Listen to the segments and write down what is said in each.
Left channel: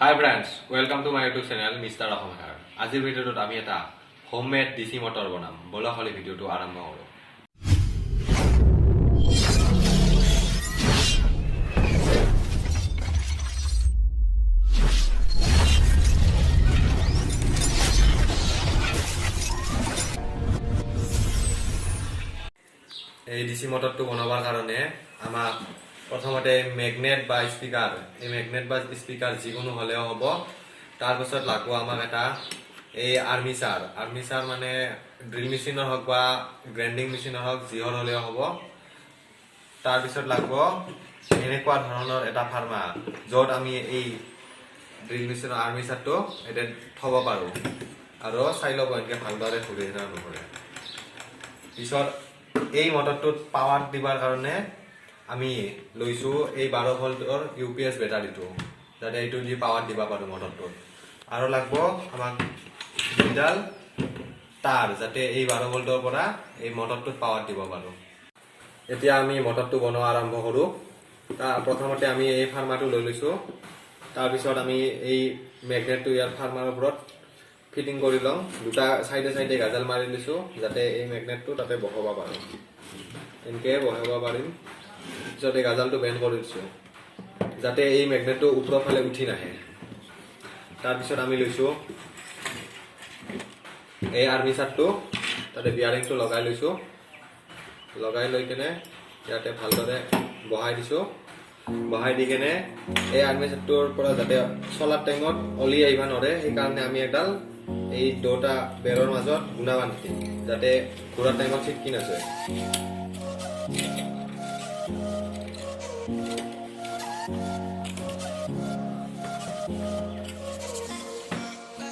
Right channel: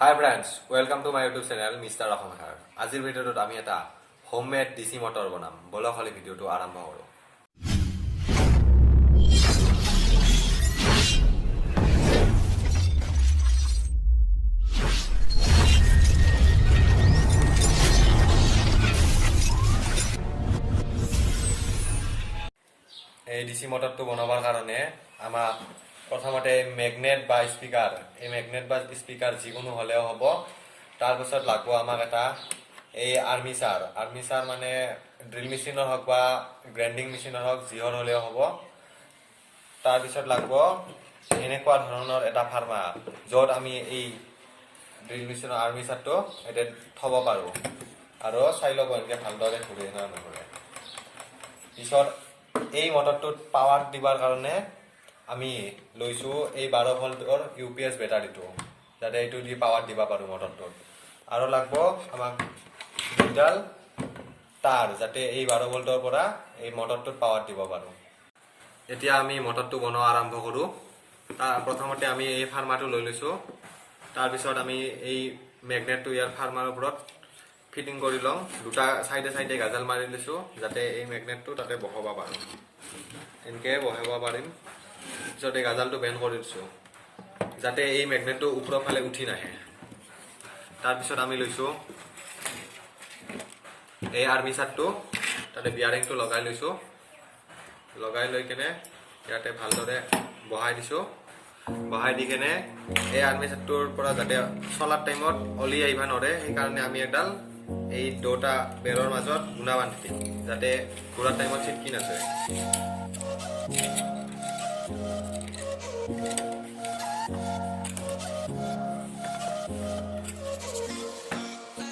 Hi friends, welcome to my YouTube channel Mr. Rahman here. আজিৰ ভিডিঅ'টোত আমি এটা হোমমেড ডিসি মটৰ বনাম। বলা খালি ভিডিঅ'টো আৰম্ভ কৰো। এই ডিসি মটৰটো বনাবৰ কাৰণে আমাক প্ৰথমতে মেগনেট বা স্পিকাৰ যিকোনো হলেও হ'ব। তাৰ পিছত লাগব আমাক এটা এই আৰ্মিচাৰ মানে ড্ৰিল মেচিনৰ হওক বা গ্ৰাইণ্ডিং মেচিনৰ হওক যিহৰ হলেও হ'ব। তাৰ পিছত লাগব এনেকুৱা ধৰণৰ এটা ফাৰ্মাৰ য'ত আমি এই ড্ৰিল মেচিনৰ আৰ্মিচাৰটো এটা থব পাৰো আৰু চাই ল'ব এনেকে ভালদৰে ঘূৰি নঘূৰে। পিছত এই মটৰটোত পাৱাৰ দিবৰ কাৰণে আমি লৈছো এই 12 ভোল্টৰ ইউপিএস বেটাৰীটো, যাতে এইটো দি পাৱাৰ দিব পাৰো মটৰটোত। আৰু লাগব আমাক দুডাল তাৰ, যাতে এই 12 ভোল্টৰ পৰা এই মটৰটোত পাৱাৰ দিব পাৰো। এতিয়া আমি মটৰটো বনোৱা আৰম্ভ কৰো। প্ৰথমতে আমি এই ফাৰ্মাটো লৈ লৈছো। তাৰ পিছত আমি এই মেগনেটটো ইয়াৰ ফাৰ্মাৰ ওপৰত ফিটিং কৰি লওঁ। দুটা সাইডে গাজাল মাৰি লৈছো, যাতে এই মেগনেটটো তাতে বহাব পাৰো। এনেকে বহাব পাৰিম। পিছত এই গাজালটো বেণ্ড কৰি দিছো, যাতে এই মেগনেটটো ওপৰৰ ফালে উঠি নাহে। তাৰপিছত আমি লৈছো এই আৰ্মিচাৰটো, তাতে বিয়াৰিংটো লগাই লৈছো। লগাই লৈ কেনে ইয়াতে ভালদৰে বহাই দিছো। বহাই দি কেনে এই আৰ্মিচাৰটোৰ পৰা যাতে চলাৰ টাইমত অলি আহিব নোৱাৰে, সেইকাৰণে আমি এডাল এই দুটা বেৰৰ মাজত গুণা বান্ধি দিম, যাতে ঘূৰাৰ টাইমত চিটকি নাযায়।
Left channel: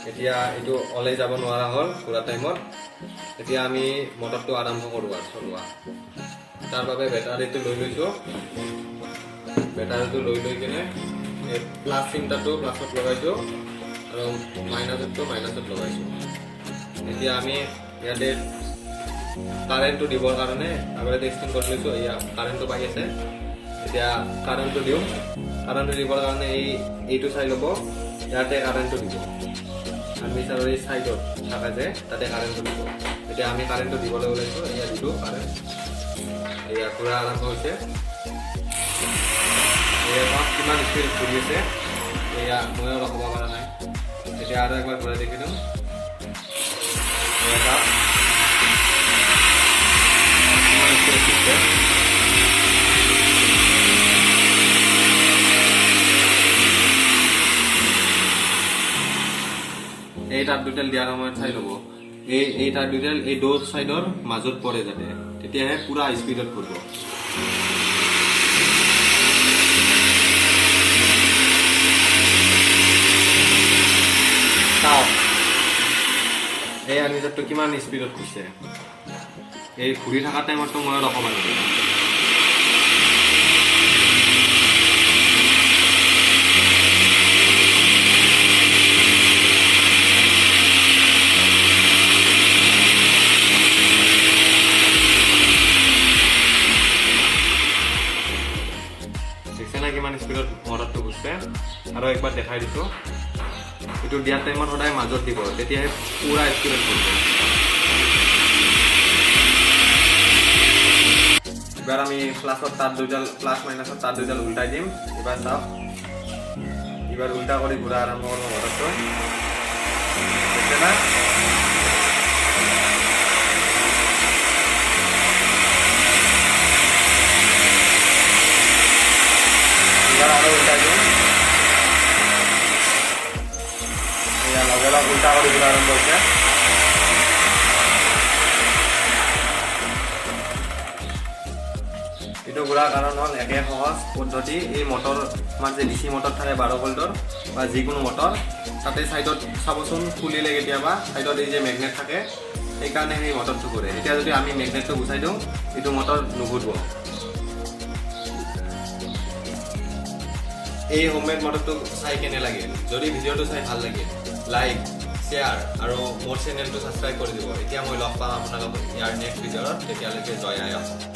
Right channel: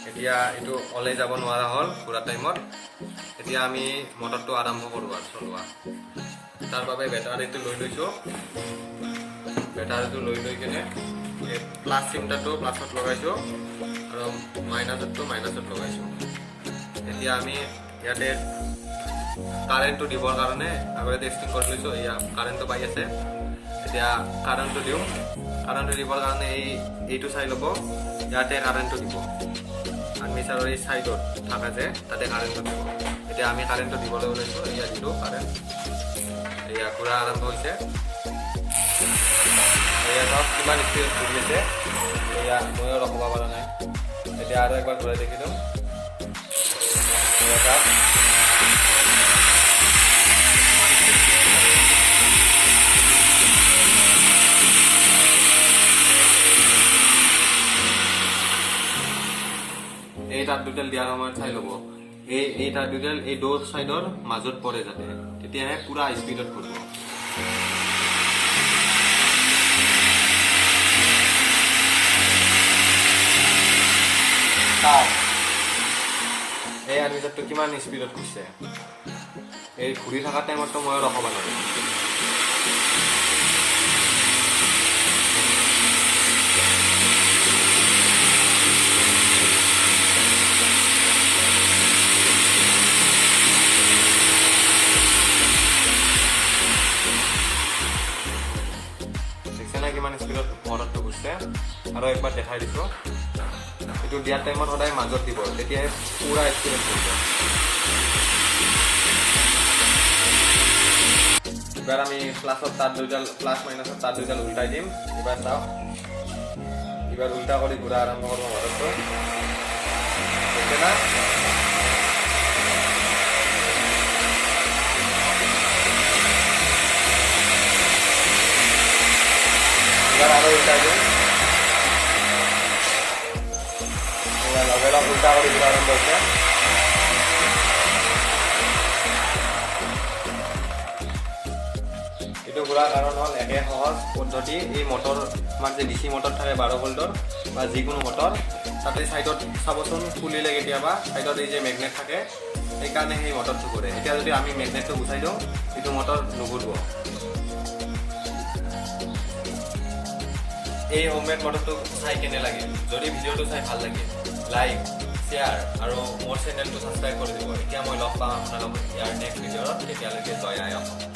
এতিয়া এইটো ওলাই যাব নোৱাৰা হ'ল ঘূৰা টাইমত। এতিয়া আমি মটৰটো আৰম্ভ কৰো চলোৱা। তাৰ বাবে বেটাৰীটো লৈ লৈছো। বেটাৰীটো লৈ কেনে এই প্লাছ চিমটাটো প্লাছত লগাইছো আৰু মাইনাছটো মাইনাছত লগাইছো। এতিয়া আমি ইয়াতে কাৰেণ্টটো দিবৰ কাৰণে আগতে টেষ্টিং কৰি লৈছো। এয়া কাৰেণ্টটো পাই আছে। এতিয়া কাৰেণ্টটো দিওঁ। কাৰেণ্টটো দিবৰ কাৰণে এইটো চাই ল'ব, ইয়াতে কাৰেণ্টটো দিব। আৰ্মিচাৰৰ এই চাইডত থকা যে তাতে কাৰেণ্টটো দিব। এতিয়া আমি কাৰেণ্টটো দিবলৈ ওলাইছো। এয়া দিলো কাৰেণ্ট। এয়া ঘূৰা আৰম্ভ হৈছে। এয়া কিমান স্পীড ঘূৰি আছে, এয়া ময়ো ৰখাব পৰা নাই। এতিয়া আৰু একবাৰ ঘূৰাই দেখি দিওঁ। এই তাৰ দুডাল দিয়াৰ সময়ত চাই ল'ব, এই তাৰ দুডাল এই দো সাইডৰ মাজত পৰে, যাতে তেতিয়াহে পুৰা স্পীডত ঘূৰিব। এই আৰ্মিচাৰটো কিমান স্পীডত ঘূৰিছে। এই ঘূৰি থকা টাইমততো মই ৰখাব নোৱাৰিম। কিমান স্পীডত মটৰটো ঘূৰিছে। আৰু একবাৰ দেখাই দিছো, এইটো দিয়াৰ টাইমত সদায় মাজত দিব, তেতিয়াহে পুৰা স্পীডত ঘূৰিব। এবাৰ আমি প্লাছ মাইনাছৰ তাৰ দুইডাল উল্টাই দিম। এবাৰ চাওক, এবাৰ উল্টা কৰি ঘূৰা আৰম্ভ কৰিব মটৰটো। দেখে না? এবাৰ আৰো উল্টাই দিম। লগে লগ উল্টা কৰে ঘুৰা আৰম্ভ হচ্ছে। এইটো ঘূৰাৰ কাৰণ হ'ল একে সহজ পদ্ধতি। এই মটৰ আমাৰ যে ডিচি মটৰ থাকে 12 ভোল্টৰ বা যিকোনো মটৰ, তাতে চাইডত চাবচোন খুলিলে কেতিয়াবা চাইডত এই যে মেগনেট থাকে, সেইকাৰণে সেই মটৰটো ঘূৰে। এতিয়া যদি আমি মেগনেটটো গুচাই দিওঁ, এইটো মটৰ নুঘূৰিব। এই হোমমেড মটৰটো চাই কেনে লাগিল? যদি ভিডিঅ'টো চাই ভাল লাগিল, লাইক, শ্বেয়াৰ আৰু মোৰ চেনেলটো ছাবস্ক্ৰাইব কৰি দিব। এতিয়া মই লগ পাম আপোনালোকক ইয়াৰ নেক্সট ভিডিঅ'ত। তেতিয়ালৈকে জয় আই অসম।